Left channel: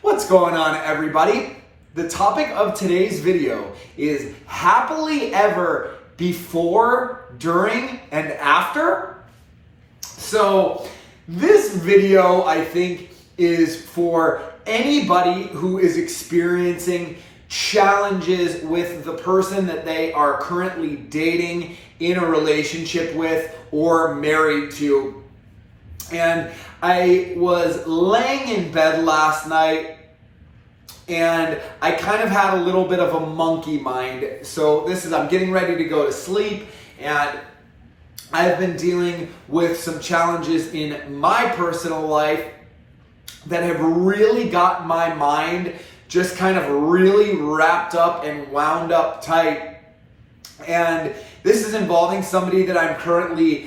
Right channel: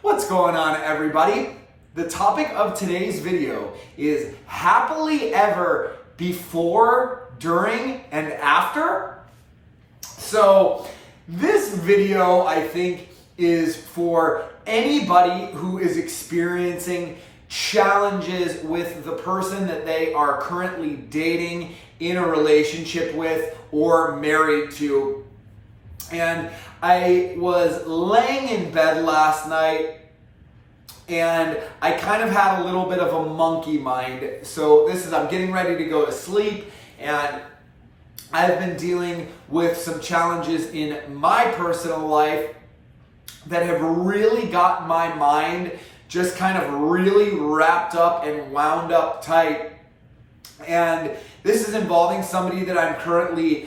What's going on, everybody? The topic of today's video is happily ever before, during, and after. So this video, I think, is for anybody who is experiencing challenges with the person that they are currently dating, in a relationship with, or married to. And I was laying in bed last night and I kind of had a little bit of a monkey mind. So I'm getting ready to go to sleep, and I've been dealing with some challenges in my personal life that have really got my mind just kind of really wrapped up and wound up tight. And this is involving somebody that I'm currently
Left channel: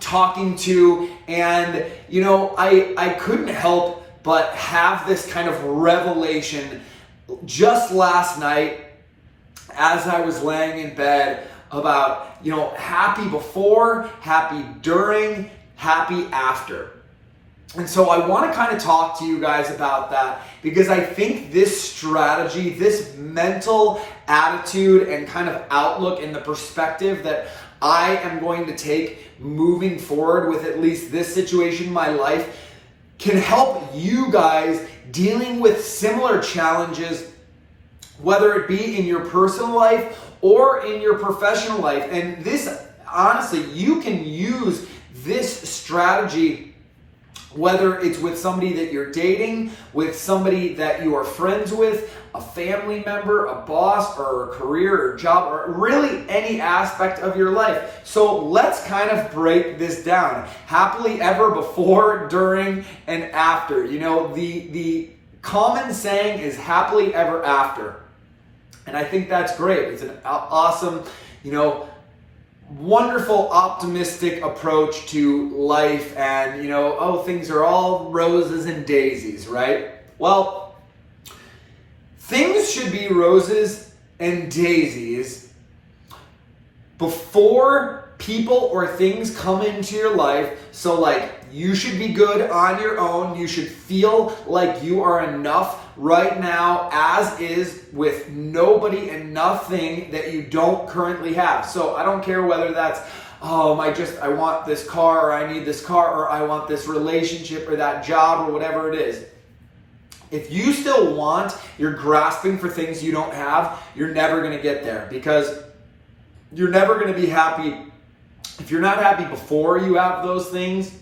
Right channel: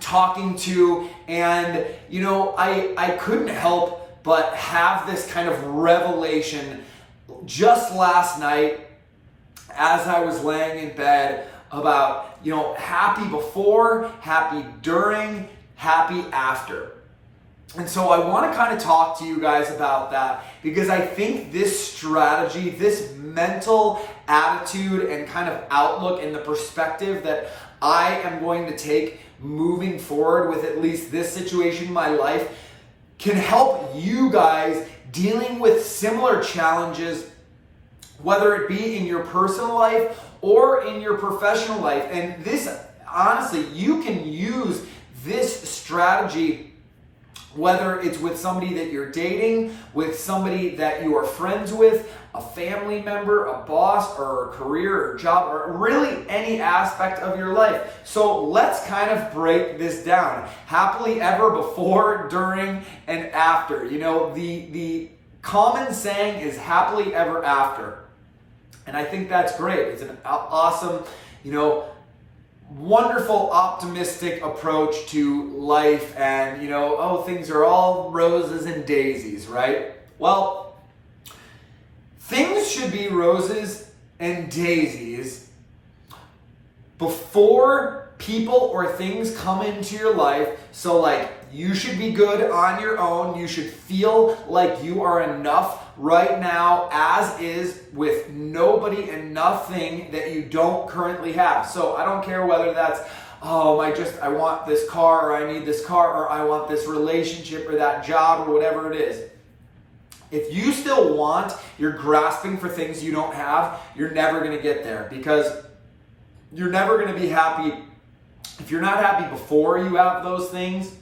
talking to, and I couldn't help but have this kind of revelation just last night as I was laying in bed about happy before, happy during, happy after. And so I want to kind of talk to you guys about that, because I think this strategy, this mental attitude and kind of outlook and the perspective that I am going to take moving forward with at least this situation in my life can help you guys dealing with similar challenges, whether it be in your personal life or in your professional life. And this, honestly, you can use this strategy whether it's with somebody that you're dating, with somebody that you are friends with, a family member, a boss, or a career or job, or really any aspect of your life. So let's kind of break this down. Happily ever before, during, and after. The common saying is happily ever after. And I think that's great. It's an awesome, wonderful, optimistic approach to life, and things are all roses and daisies, right? Well, things should be roses and daisies before people or things come into your life. So you should be good on your own. You should feel like you are enough right now as is, with nobody and nothing that you don't currently have. So I don't care whether that's, I want this car, or I need this car, or I want this relationship or that job or whatever it is. If you still you're grasping for things you don't have, you're never going to get there, because you're never going to be happy. If you're not happy before you have those things,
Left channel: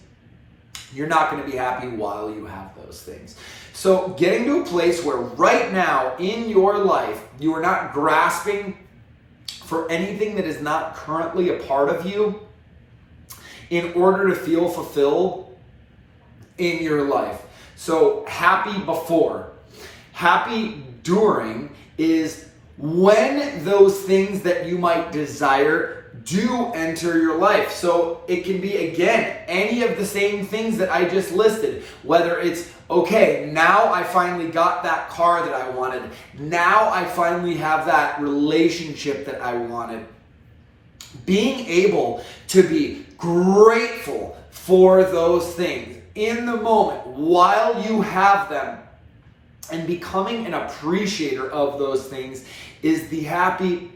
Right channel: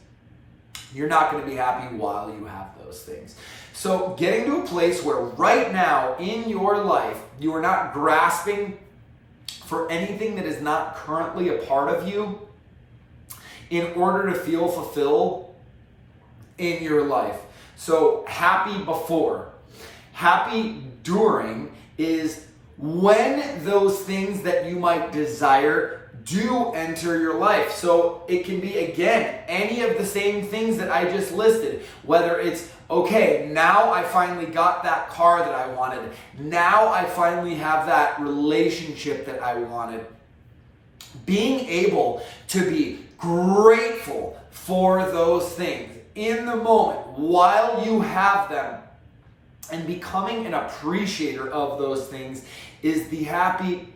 you're not going to be happy while you have those things. So getting to a place where right now in your life, you are not grasping for anything that is not currently a part of you in order to feel fulfilled in your life. So happy before. Happy during is when those things that you might desire do enter your life. So it can be, again, any of the same things that I just listed. Whether it's, okay, now I finally got that car that I wanted. Now I finally have that relationship that I wanted. Being able to be grateful for those things in the moment while you have them, and becoming an appreciator of those things, is the happy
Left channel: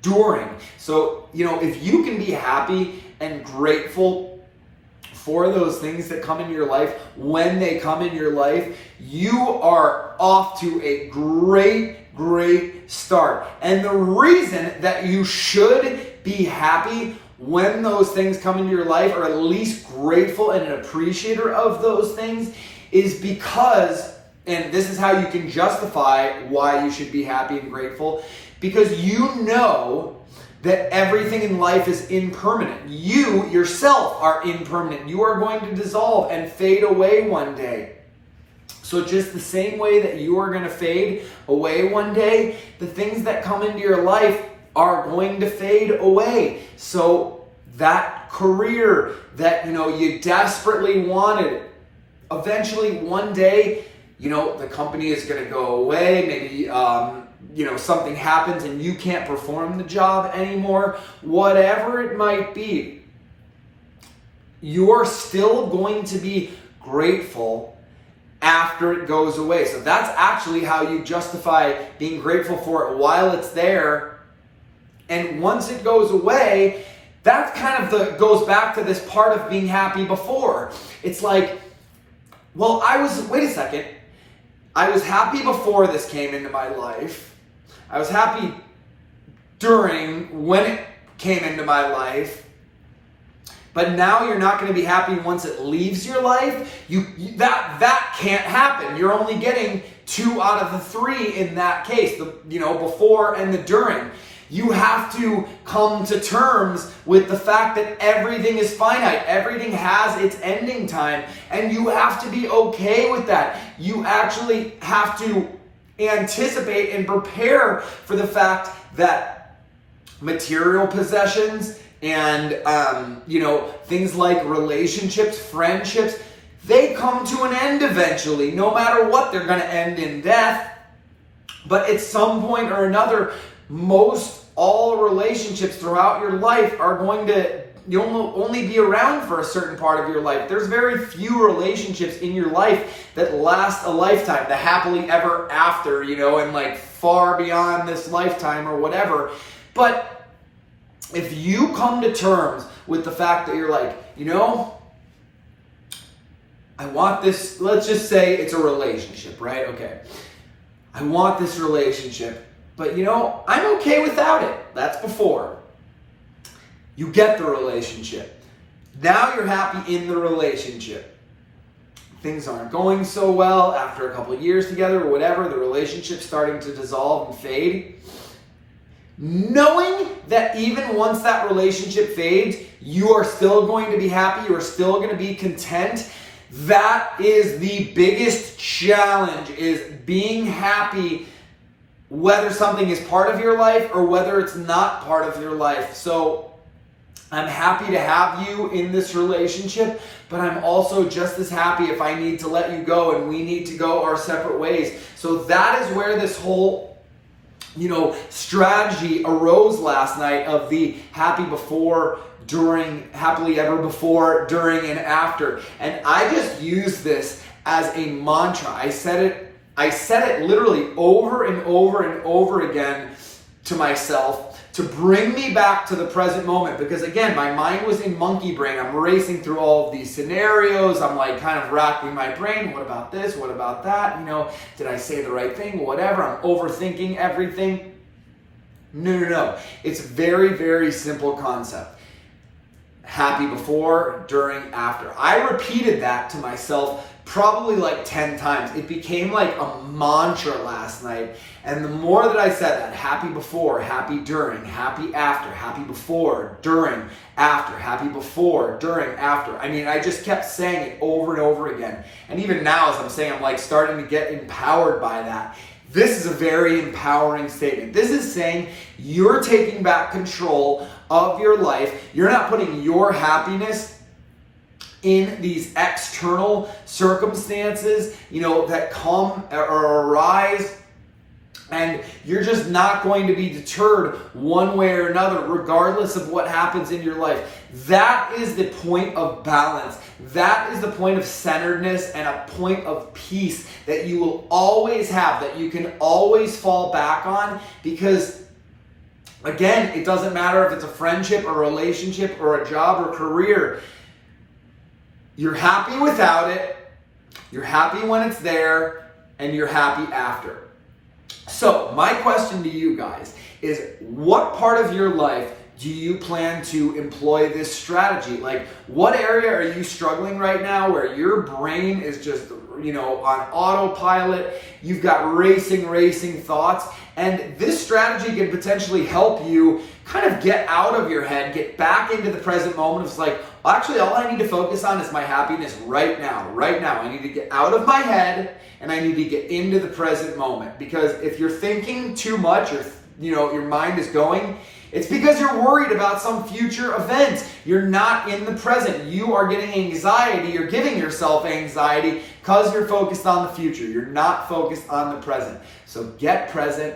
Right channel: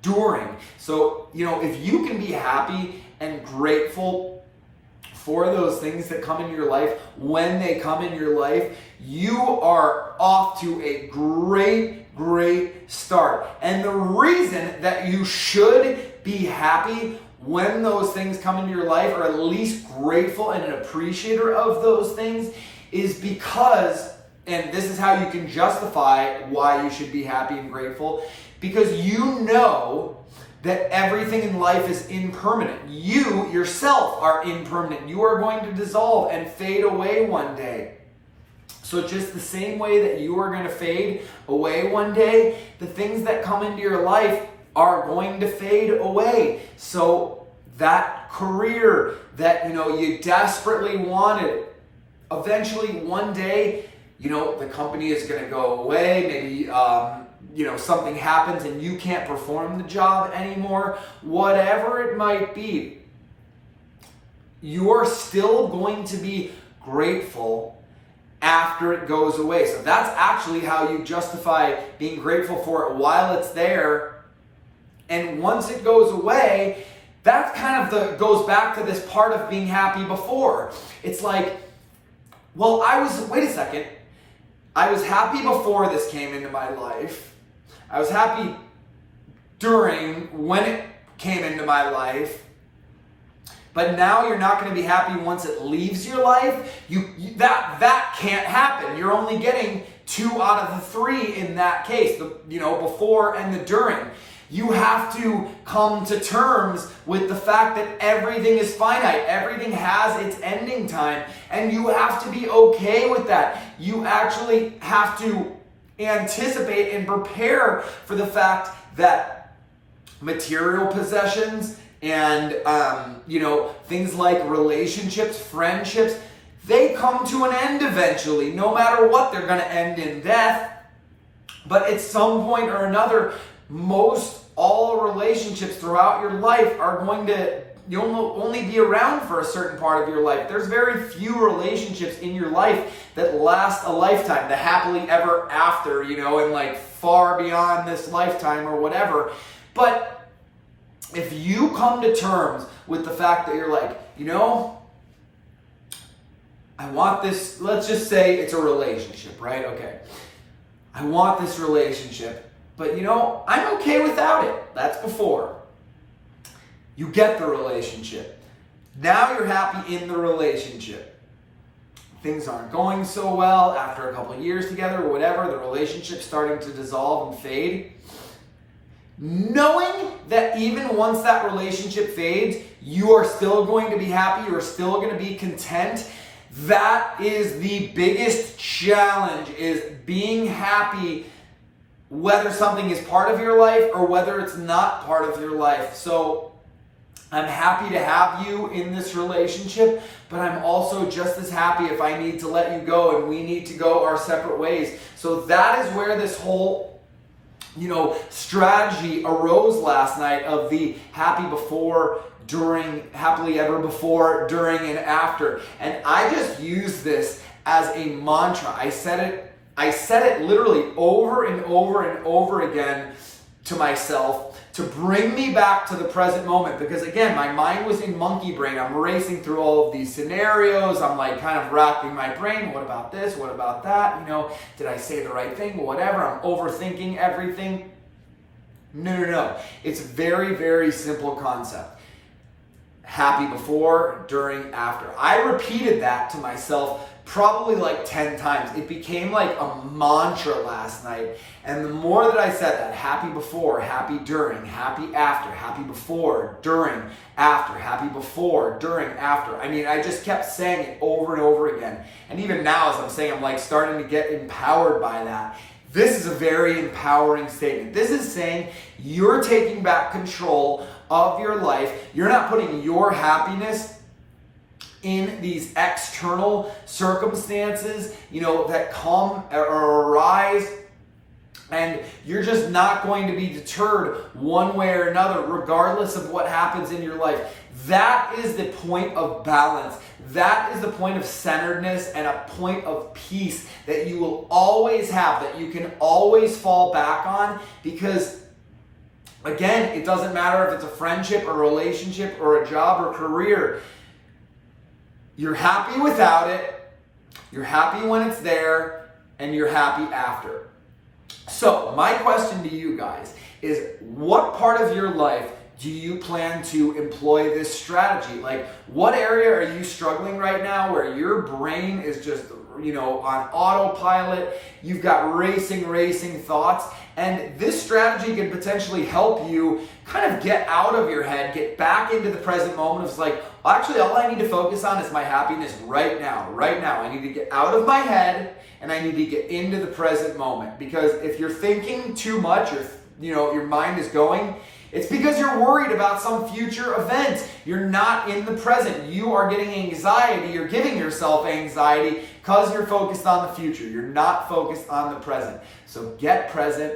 during. So, if you can be happy and grateful for those things that come into your life when they come in your life, you are off to a great start. And the reason that you should be happy when those things come into your life, or at least grateful and an appreciator of those things, is because, and this is how you can justify why you should be happy and grateful, because you know that everything in life is impermanent. You yourself are impermanent. You are going to dissolve and fade away one day. So just the same way that you are going to fade away one day, the things that come into your life are going to fade away. So that career that you desperately wanted, eventually one day, the company is going to go away. Maybe something happens and you can't perform the job anymore. Whatever it might be, you're still going to be grateful after it goes away. So that's actually how you justify being grateful for it while it's there. And once it goes away, that kind of goes back to this part of being happy before. It's like, well, wait a second. I was happy before this came into my life. I was happy when it came into my life. But now you're not going to be happy once it leaves your life. That can't happen. You're only getting 2 out of the 3 in that case, before and the during. You have to come to terms with the fact that everything is finite. Everything has its ending time, and you have to be okay with that. You actually have to anticipate and prepare for the fact that material possessions and things like relationships, friendships, they come to an end eventually. No matter what, they're going to end in death. But at some point or another, most all relationships throughout your life are going to, you'll only be around for a certain part of your life. There's very few relationships in your life that last a lifetime, the happily ever after, and like far beyond this lifetime or whatever. But if you come to terms with the fact that you're like, I want this, let's just say it's a relationship, right? Okay. I want this relationship. But I'm okay without it. That's before. You get the relationship. Now you're happy in the relationship. Things aren't going so well after a couple of years together or whatever. The relationship's starting to dissolve and fade. Knowing that even once that relationship fades, you are still going to be happy. You are still going to be content. That is the biggest challenge, is being happy whether something is part of your life or whether it's not part of your life. So I'm happy to have you in this relationship, but I'm also just as happy if I need to let you go and we need to go our separate ways. So that is where this whole, strategy arose last night of the happy before, during, happily ever before, during, and after. And I just use this as a mantra. I said it literally over and over and over again to myself to bring me back to the present moment. Because again, my mind was in monkey brain. I'm racing through all of these scenarios. I'm like kind of racking my brain. What about this? What about that? Did I say the right thing? Whatever. I'm overthinking everything. No. It's a very, very simple concept. Happy before, during, after. I repeated that to myself probably like 10 times. It became like a mantra last night. And the more that I said that, happy before, happy during, happy after, happy before, during, after, happy before, during, after. I just kept saying it over and over again. And even now as I'm saying, I'm like starting to get empowered by that. This is a very empowering statement. This is saying you're taking back control of your life. You're not putting your happiness in these external circumstances, that come or arise, and you're just not going to be deterred one way or another, regardless of what happens in your life. That is the point of balance. That is the point of centeredness and a point of peace that you will always have, that you can always fall back on, because again, it doesn't matter if it's a friendship, a relationship, or a job or career. You're happy without it, you're happy when it's there, and you're happy after. So, my question to you guys is, what part of your life do you plan to employ this strategy? Like, what area are you struggling right now where your brain is just, on autopilot? You've got racing thoughts. And this strategy can potentially help you kind of get out of your head, get back into the present moment. It's like, actually, all I need to focus on is my happiness right now. Right now, I need to get out of my head and I need to get into the present moment. Because if you're thinking too much, or your mind is going, it's because you're worried about some future event. You're not in the present. You are getting anxiety. You're giving yourself anxiety because you're focused on the future. You're not focused on the present. So get present.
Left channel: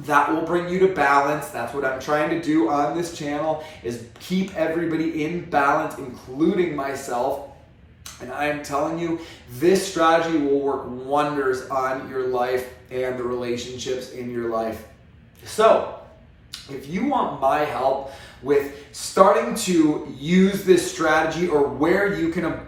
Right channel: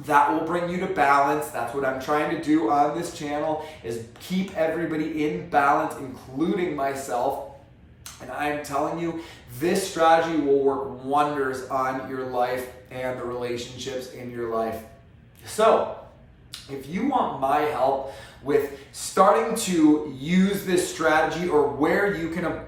That will bring you to balance. That's what I'm trying to do on this channel, is keep everybody in balance, including myself. And I am telling you, this strategy will work wonders on your life and the relationships in your life. So, if you want my help with starting to use this strategy, or where you can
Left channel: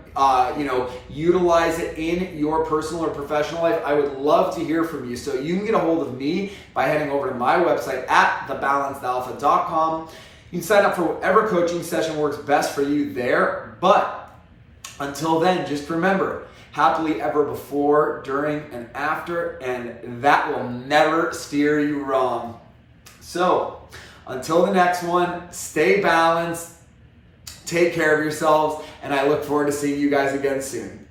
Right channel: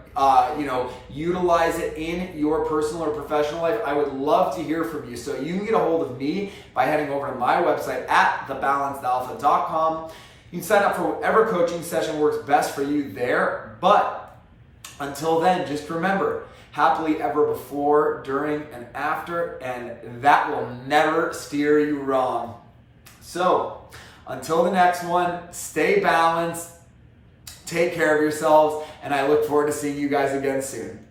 utilize it in your personal or professional life, I would love to hear from you. So you can get a hold of me by heading over to my website at thebalancedalpha.com. You can sign up for whatever coaching session works best for you there. But until then, just remember, happily ever before, during, and after, and that will never steer you wrong. So, until the next one, stay balanced, take care of yourselves, and I look forward to seeing you guys again soon.